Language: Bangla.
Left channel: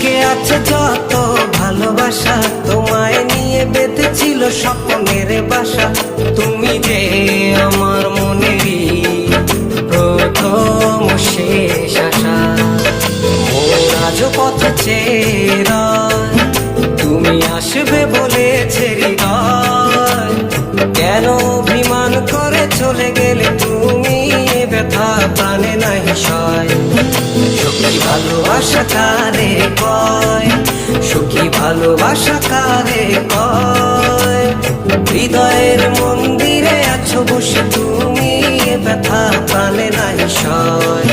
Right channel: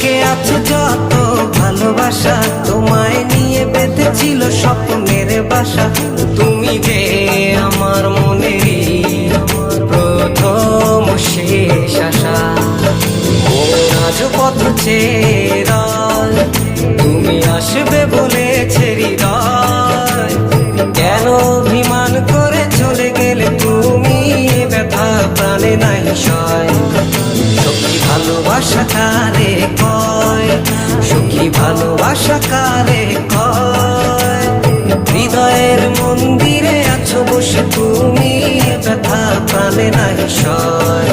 বুকে আছে যত ভালোবাসা, তোমায় নিয়ে বেঁধেছিল স্বপ্নের বাসা। তুমি যে আমার মনেরই প্রথম শেষ আশা। মন আজও পথ চেয়ে রয়, তুমি আসবে বলেছে হৃদয়। কেন অভিমান করে চলে গেলে তুমি, এ ব্যথা প্রাণে নাই সয়। সখী ভালোবাসা কারে কয়, সখী ভালোবাসা কারে কয়। হৃদয়ের মন্দিরে আছো বসে তুমি, এ ব্যথা প্রাণে নাই সয়।